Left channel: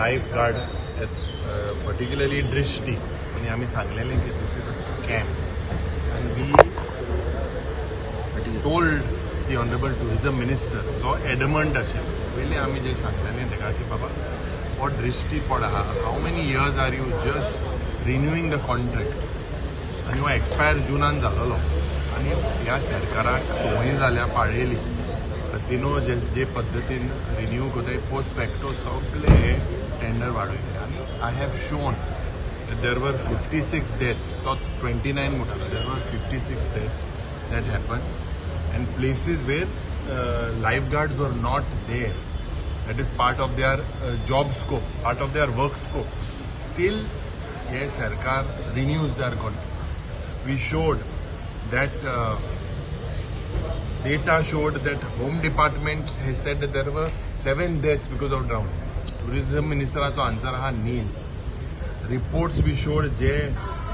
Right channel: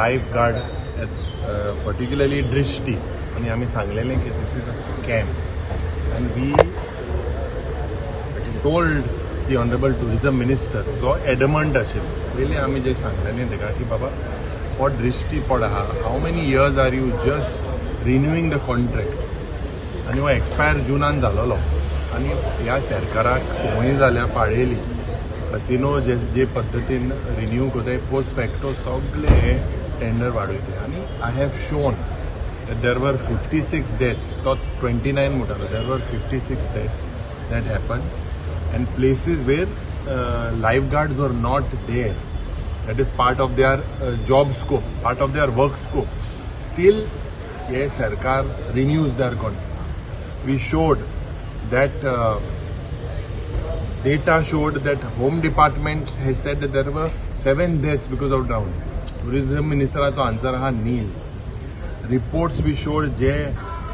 Life guard particularly दृष्टी आणि आम्ही सांगलेलें की this is a scam and we told the honourable tourism minister जो एडमंट आशिल्लो पयलीं आमी जे सांगलेलें ताका की बाबा हो दृष्टी पड आहा how many years are you just renewing the contract आनी हो एक्सपायर जुनान जालोलो आनी ह्या सरकाराक संवय जाल्या पाळयली कसिनो जे पद्दतीन रिन्यू कोताय पोस्ट फॅक्टो सगळे टेंडर वाडयतले आनी I have shown there were 56 deaths तो 29 म्हणटालो देर वर 56 deaths that happen and places where lifeguards were not there. That is part of their job scope, part of their work scope. Still, yes, Sarkar renews their contract. We showed that data showed that Home Department has said that there were 7 deaths because of drowning. Tourism Minister's answer ha nil. Reports we showed जे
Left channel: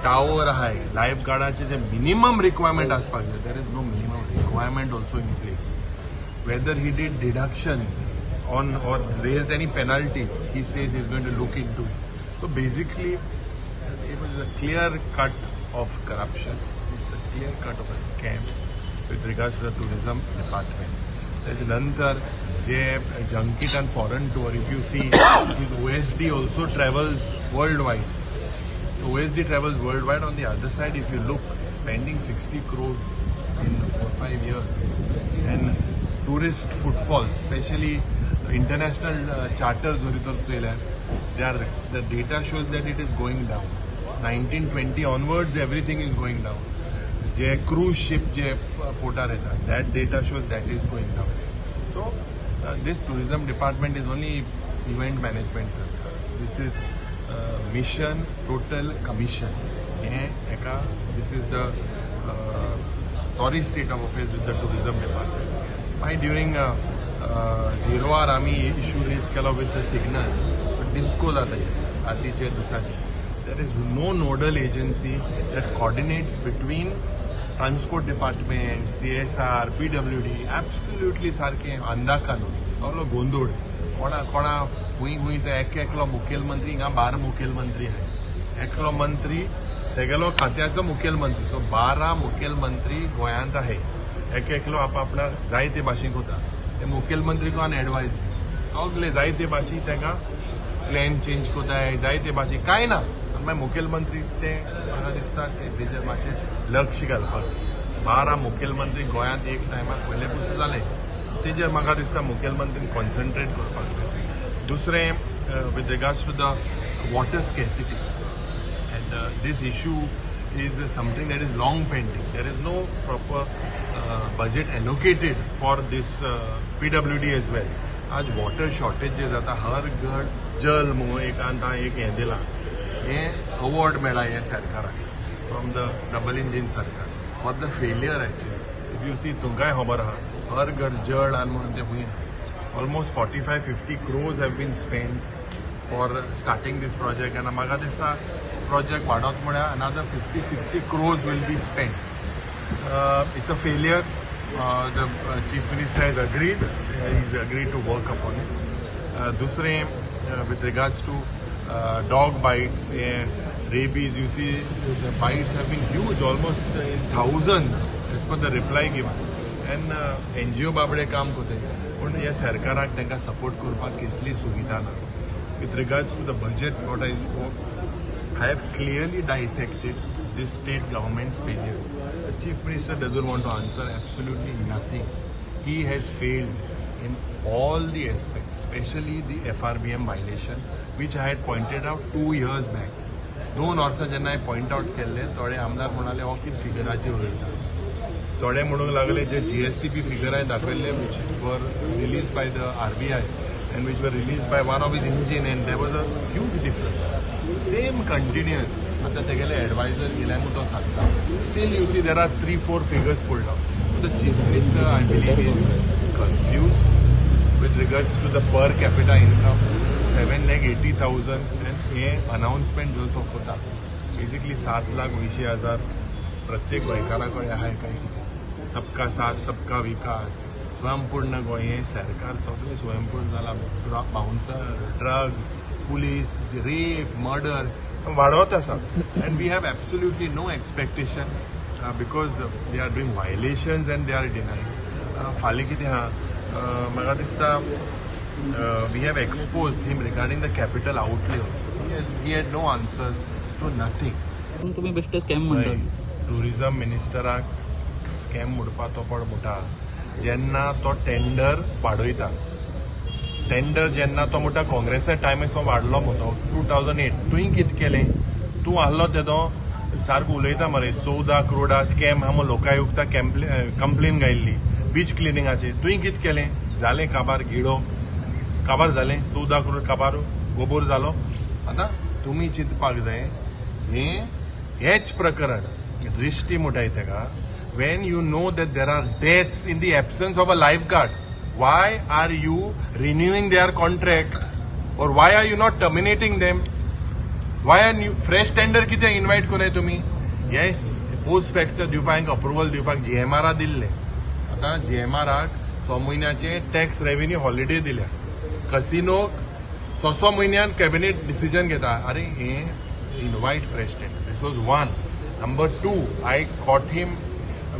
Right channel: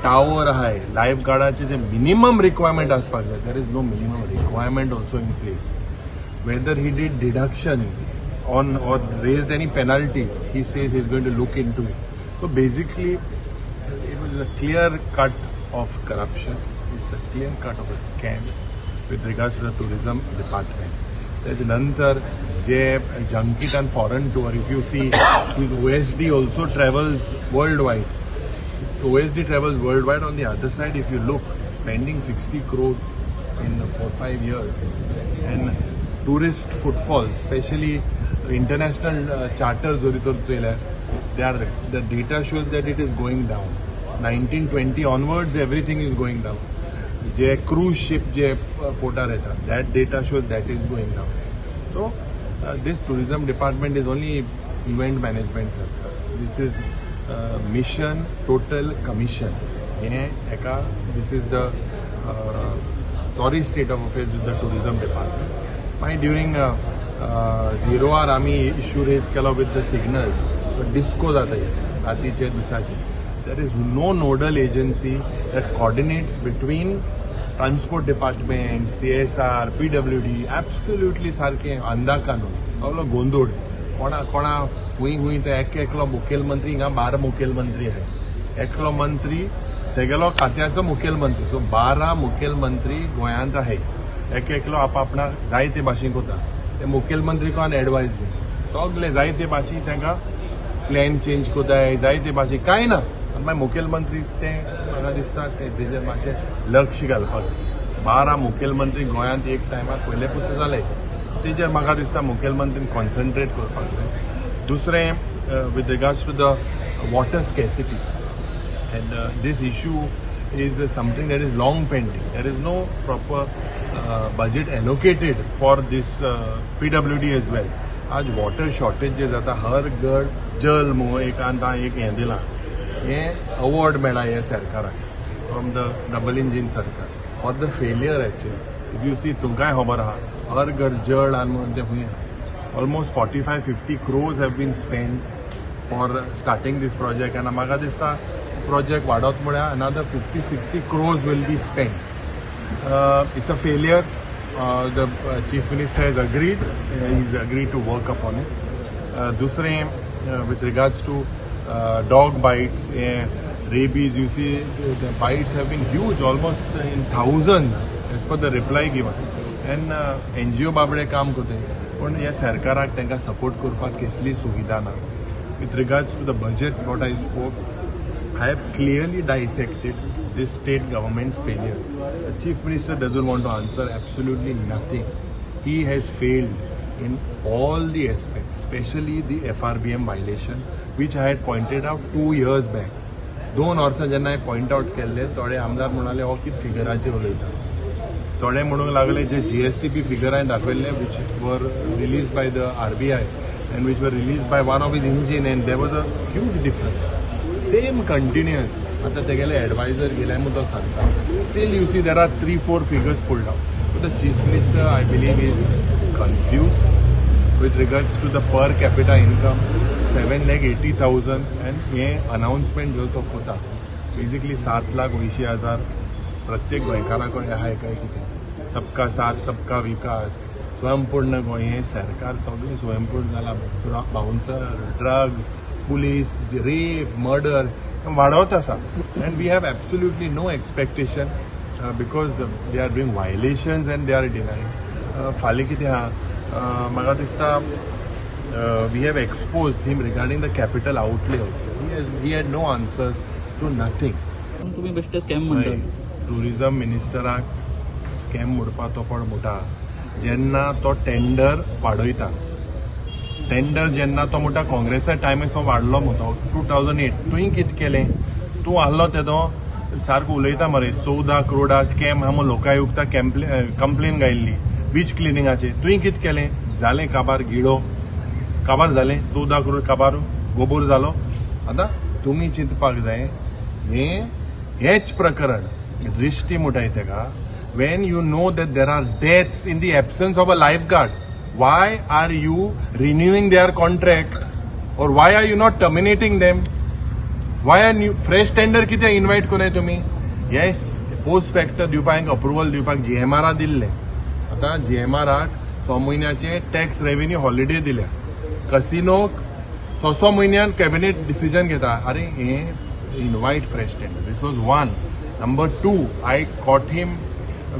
tower आहे लायफगार्डाचे जे minimum requirement आसपाक जाय there is no minimum requirement also in place whether he did deduction on or raised any penalties he says is going to look into it so basically it was a clear cut of corruption it's a clear cut of a scam with regards to the tourism department त्याच्या नंतर जे junket and foreign tour if you C OSD also travels world wide OSD travels worldwide. On the other side, if you look, spending 60 crores in 4-5 years, and tourist footfalls, especially international charters, the data shows that it is going down. 1920 onwards, everything is going down. The cruise ship, porta rehta, that data shows that is going down. So, this tourism department is only event management, Sarkar. This is mission total commission. This is the sorry state of affairs with the tourism department. During 0 hour आम्ही issue raise केला with the signals, but disco जाता है रात्रीच्या दिसाची. There is no nodal agency that coordinates between transport department, CSR, PWD. Absolutely सारखे अंधा कानून सगळं गोंधळ कोणा हुई तो एकलो मुखेलमंत्री हिंगा 12 मुखेलमंत्री आहे एकलो मंत्री तेगेलो खात्याचो मुखेलमंत्री सो 12 मुखेलमंत्री गोंयांत आहे एकलो आपणा जाय ते भाशेन कोता ते मुखेलमंत्री कोण एडवायस घे सगळे जाय ते भाशी तांकां प्लॅन चेंज कोताय जाय ते भाशी कांय ना आनी मागीर मुखेलमंत्री ते म्हाका दिसता तेजेर मातशें लक्ष घालपाक 12 मुखेलमंत्री गोंयांत एक टायमार पयले पासून जाले तेजेर म्हाका दिसता मुखेलमंत्रीन कॉन्सन्ट्रेट करपाक जाय दूसरे with regards to the water scarcity and this issue is something that is long pending. There is no proper budget allocated for this PWD as well. आज water shortage जे जाता हर घर जल मुळ एक आंता एक हें दिलां हें अवॉर्ड मेळ्ळा ह्या सरकाराक फ्रॉम द डबल इंजिन सरकार for the failure actually if you see तुमकांय खबर आहा हर घर जल आनी म्हणून तें हुंय almost 45-50 crores have been spent for starting this project and म्हाका दिसता project वाडत म्हळ्यार another 50-60 crores will be spent. It's a failure. The chief minister has agreed. He's agreed to work upon it. दूसरे with regards to dog bites, rabies, you see the bites have been huge, almost in thousands as per the reply given. And NGO बाबडे काम करते पण ह्या सरकाराक तांकां support करपाक कसली सुविधा ना with regards to the budget what I spoke I have clearly dissected this state government's failures. The chief minister doesn't want to answer absolutely nothing. He has failed in all the aspects, especially the FRBM violation, which I had pointed out 2 years back. 2 वर्सां जेन्ना हांवें point out केल्ले थोडे आमदार म्हणाले हो कितें फिगराचेर उलयता थोडे म्हणूंक लागले जे GSTP फिगर हांवें दाखयल्ले which were released by the RBI and which were released by one of his engine and there was a huge difference. Same continuous. आता तेगेले एडवायजर गेले म्हणून तो सांगता. Still you see there are 3-4 figures pulled out. So the chief minister I believe is confused with regards to the per capita income 7,80,000 and ये announcement जो तो होता basically 7,80,000 प्रत्येक गोंयकाराकडे आहे काय कितें सबका साथ सबका विकास स्वयंपूर्ण गोंय हे सरकार सगळें स्वयंपूर्ण जाला bouncer drugs police, rape, murder, वाढवत आसा. And we have absolutely no expectation because they are doing violations and they are denying. फाल्यां कितें आहा, म्हाका दिसता we have exposed him regarding the capital outlay also. He had no answers to nothing. तुम्ही बेश्टे scam म्हणटा. Tourism मिनिस्टराक scam म्हणपा तो पण म्हणटा जेन्ना तो टेंडर वाडयता. टेंडर जेन्ना तो म्हणटा काँग्रेसा टायमार वाडलो म्हणतो 2008 तुवें कितें केलें? तूं आहलो तेदो सारको उलयता मरे 14 करोडा स्कॅम आहा म्हूण लोकायुक्ता कंप्लेन घायल्ली बीच क्लिनिंगाचेर. तुवें कितें केलें? जालें काबार गिडो काबार जालें 14 करोड काबार गोबोर जालो. आतां तुमी चिंतपाक जाय हेच प्रकरण दृष्टी म्हणटाय तेका. when you know that there are deaths in the absence of a lifeguard, why are you renewing their contract or why are you not terminating them? Why are you fresh tender कितें invite कोने तुम्ही? Yes, post factor दिवपाक approval दिवपाक GMR दिल्ले. आता GMRक 6 म्हयन्याचे tax revenue holiday दिल्या. कसिनोक 6 म्हयन्यान कॅबिनेट डिसिजन घेता. अरे हे invite fresh tender. This was one. Number two, I caught him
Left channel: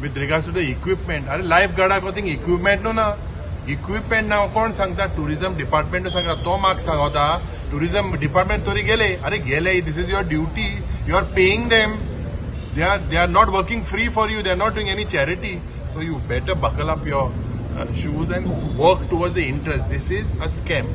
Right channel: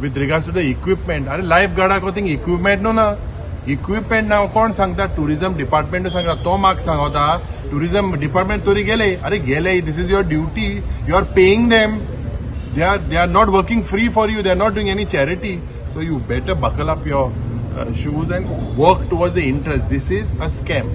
with regards to the equipment. अरे लायफगार्डाक थिंग इक्विपमेंट नो ना. इक्विपमेंट ना कोण सांगता? टुरिझम डिपार्टमेंट सांगता. तो म्हाका सांगता टुरिझम डिपार्टमेंट तरी गेले. अरे गेले, this is your duty. You are paying them. They are not working free for you. They are not doing any charity. So you better buckle up your shoes and work towards the interest. This is a scam.